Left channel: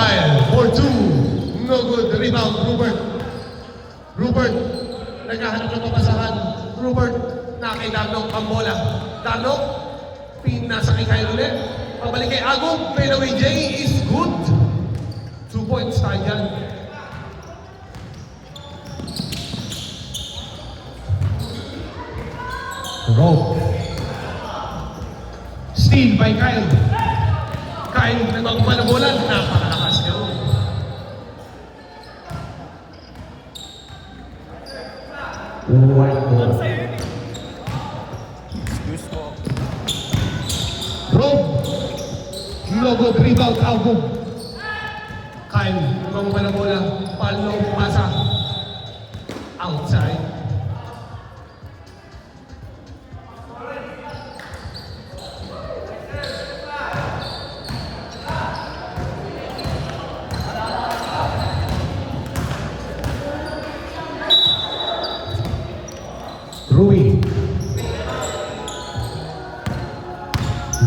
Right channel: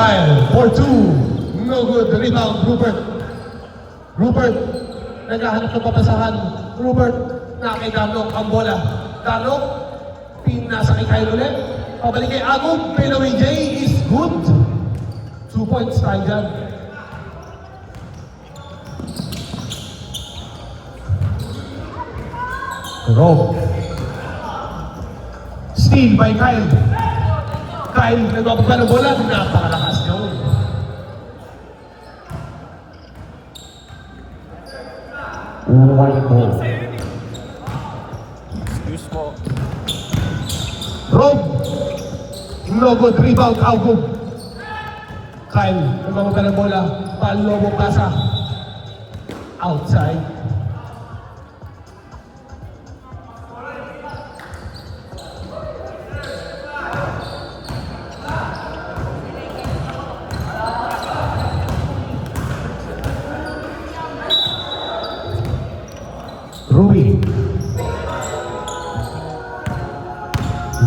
Kyle for two. No good. Rebound, Rupert. Rupert, naghahanap ng papasahan. Rupert, na kay Dano ang bola. Dano, pinasa kay Kyle ulit. Pabalik kay Agum. Fadeaway J is good. 2 points tayo dyan. Rob. Steal by Kyle. Kyle, nagpapagal ng bola. Napakalakas niya. White ball. Excuse mo. Rob. No good. Rebound. Agum. Kyle, nagpapagal ng bola. Palo mo pasa. Outside.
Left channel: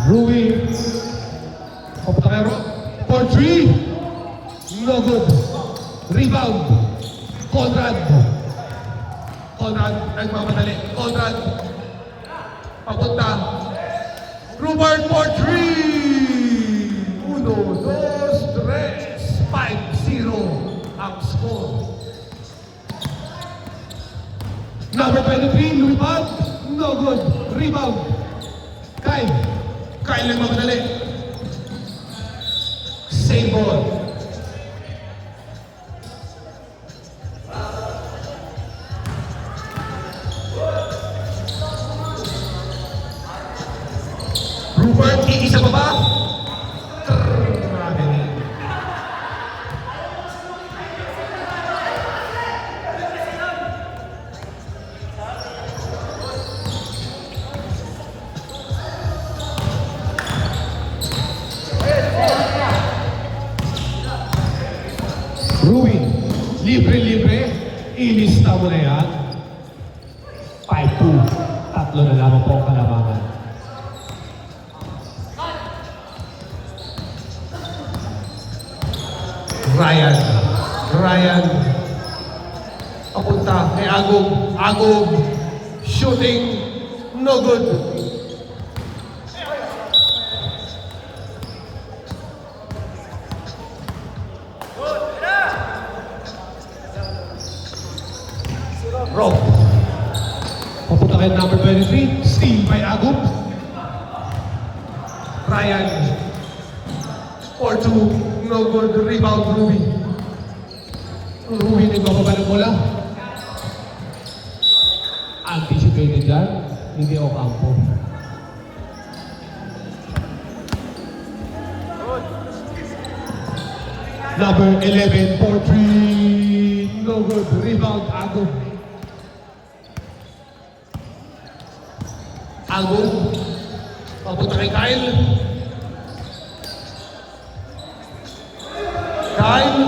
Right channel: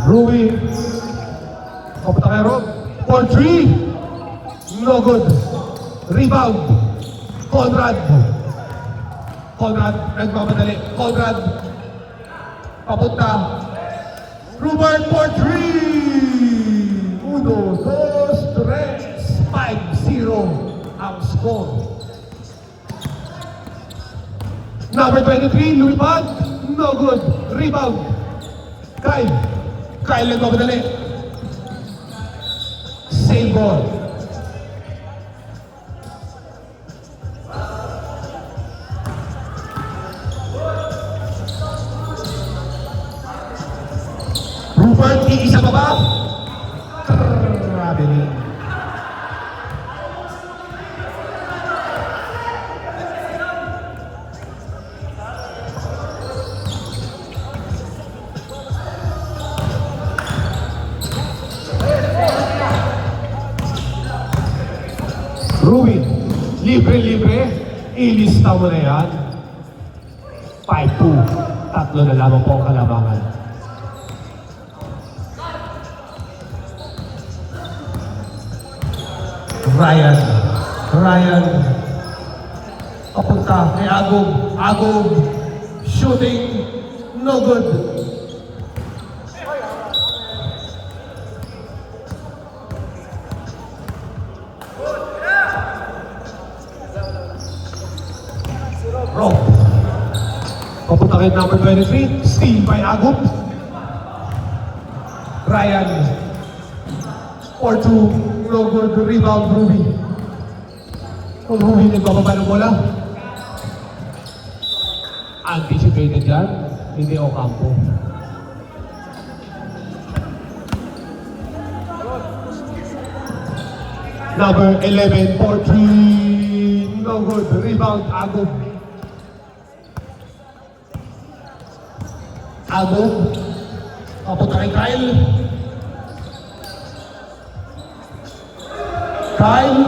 Rui. Papunta kay Rob. For three. No good. Rebound. Conrad. Conrad. Nagmamadali. Conrad. Papunta. Rupert for three. Uno, dos, tres. 5-0 ang score. Number 23, Lupad. No good. Rebound. Kyle. Kyle nagmamadali. Save ball. Rupert, iisa pa ba? Grabe niya. Ruin, libre-libre, ilista mo na yan. 5-2, tatlo na lamang po ang kalamangan. Ryan, papunta kay Agum, shooting, no good. Rob. Papunta kay number 23, steal by Agum. Ryan. 4-2, no good, rebound, Ruby. Kung Ruby nagbababa ng bola. Anticipated dyan, hindi Ocampo. Number 11, 4-3, no good, rebound, Agum. Agum, papunta kay Kyle. Kyle,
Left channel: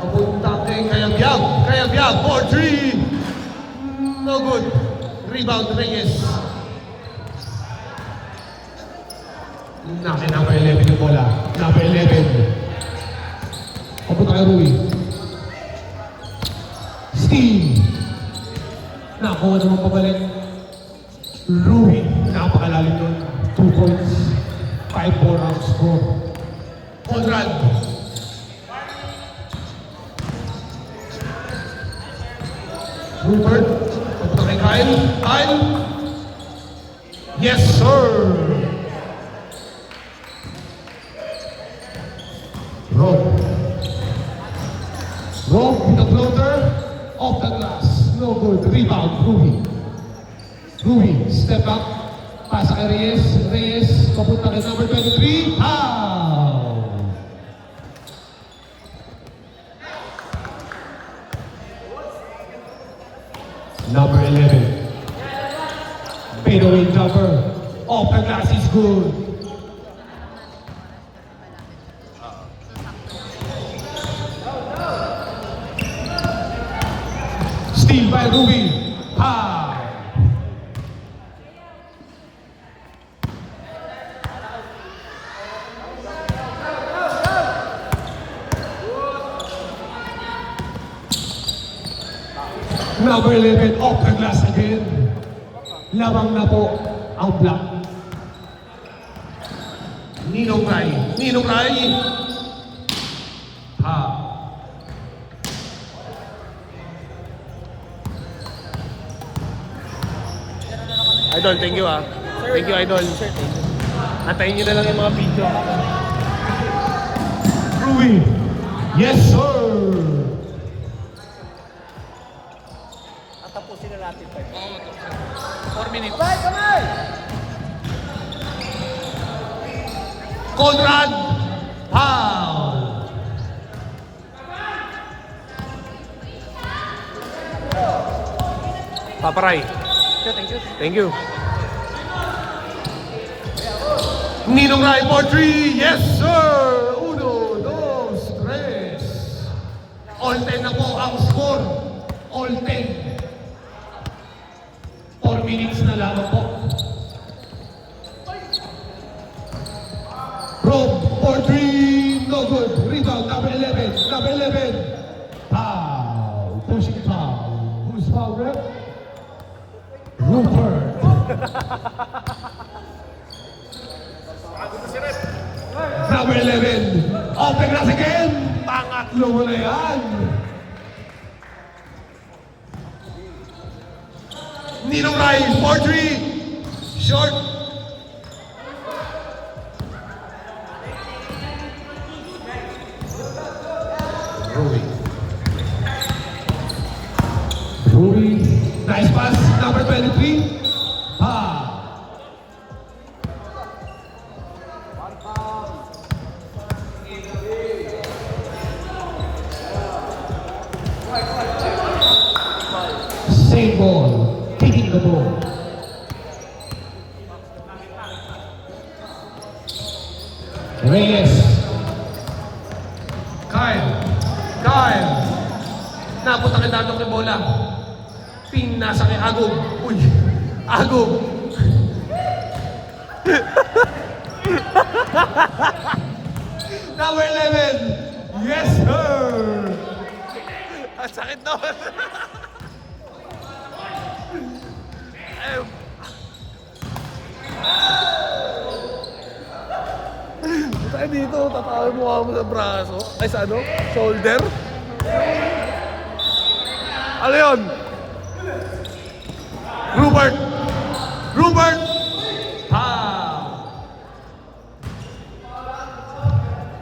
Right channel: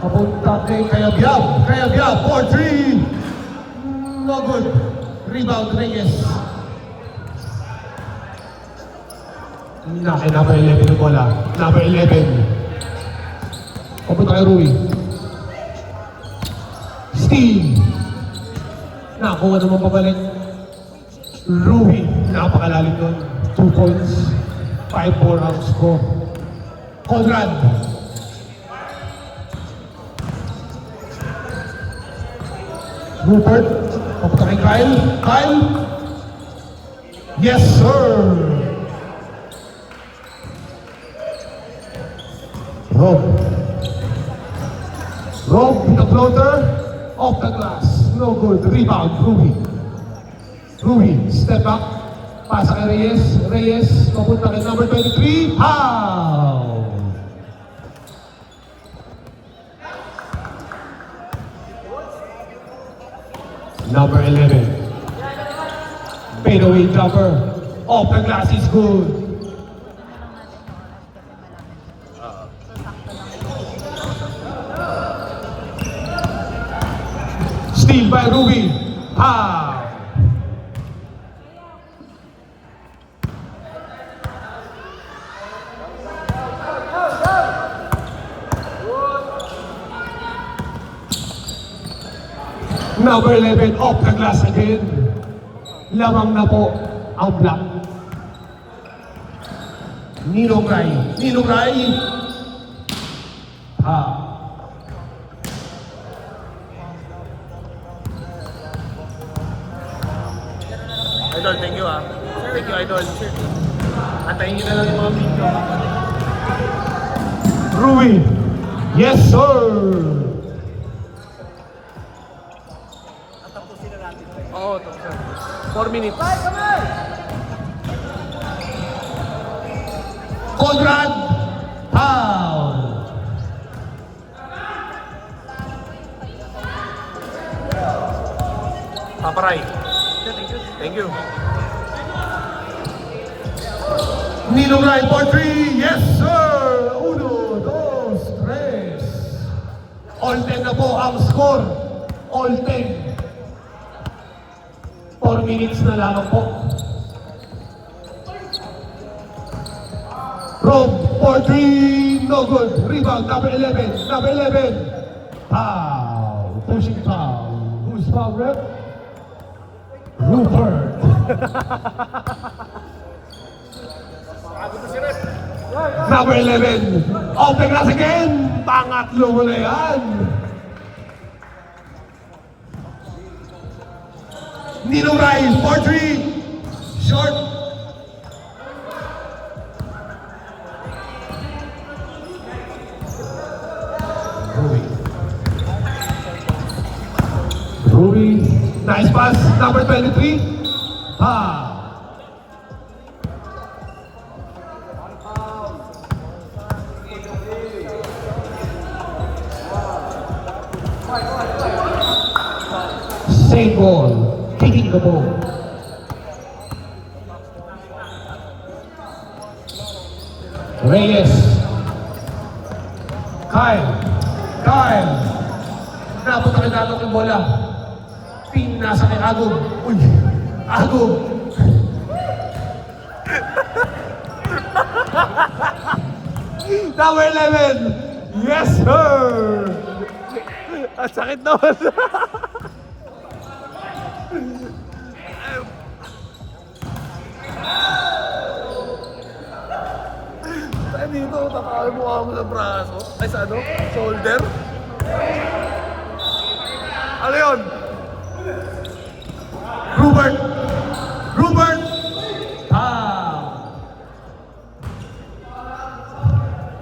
papunta kay Kayabyab. Kayabyab, 4-3. No good. Rebound, Reyes. Naki, number 11 yung bola. Number 11. Papunta kay Rui. Steve. Nakuha naman pabalik. Rui, napakalalim yun. 2 points. 5-4 ang score. Conrad. Rupert, papunta kay Kyle. Kyle. Yes, sir. Rob. Rob, the floater. Off the glass. No good. Rebound. Rui, step up. Pasa kay Reyes. Reyes, papunta kay number 23. How? Number 11. Fadeaway jumper. Off the glass is good. Steal by Ruby. Pow! Number 11, off the glass again. Lamang na po ang block. Ninogay. Ninogay. Idol, thank you ah. Thank you, Idol. Antayin nyo na lang yung mga video. Rui. Yes, sir. Oo, 4 minutes. Conrad. Foul. Paparay. Thank you. Ninogay for 3. Yes, sir. Uno, dos, tres. All 10 na po ang score. All 10. 4 minutes na lamang po. Rob for 3. No good. Rebound, number 11. Number 11. Foul. Pushing foul. Who's foul, rep? Rupert. Number 11. Off the glass again. Pangatlo mo na yan. Ninogay for 3. Short. Rui. Rui. Nice pass. Number 23. Same ball, kicking the ball. Reyes. Kyle. Napunta na dapat ng bola. Ping nasa kay Agog. Uy, Agog. Number 11. Yes, sir. Ang sakit naman. Saan dito? Tatawin mo ako ng braso. Ay, sa ano? Shoulder? Ano yun? Rupert.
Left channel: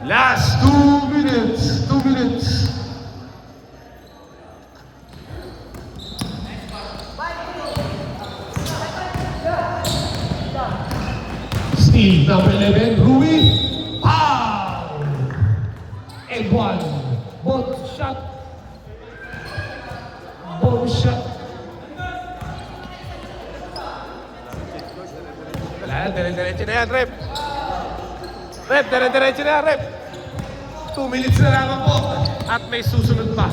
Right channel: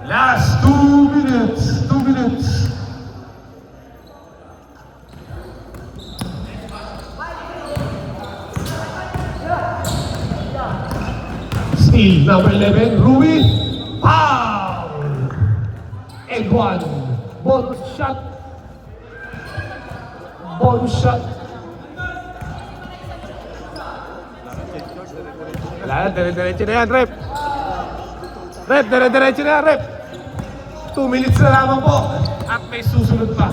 Last 2 minutes. 2 minutes. Steve, number 11, Rui. Foul. And one. Ball shot. Wala na, dire-diretso na yan, Rep. Rep, dire-diretso na yan, Rep. 2 minutes na lamang po. At may susunod pa.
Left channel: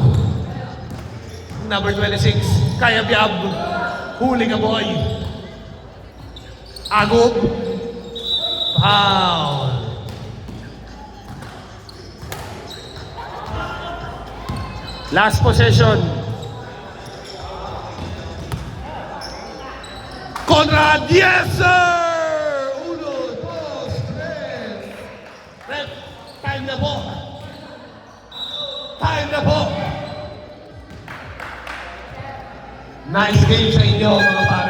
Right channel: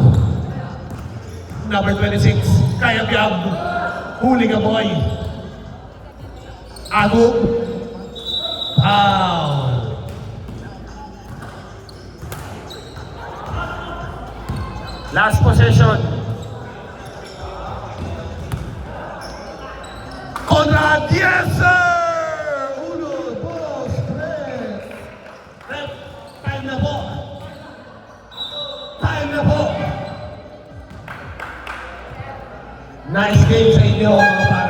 Number 26, Kaya Biab. Huli ka, boy. Agog. Foul. Last possession. Conrad, yes sir! Uno, dos, tres. Rep, time na po. Nice game sa inyo mga pare.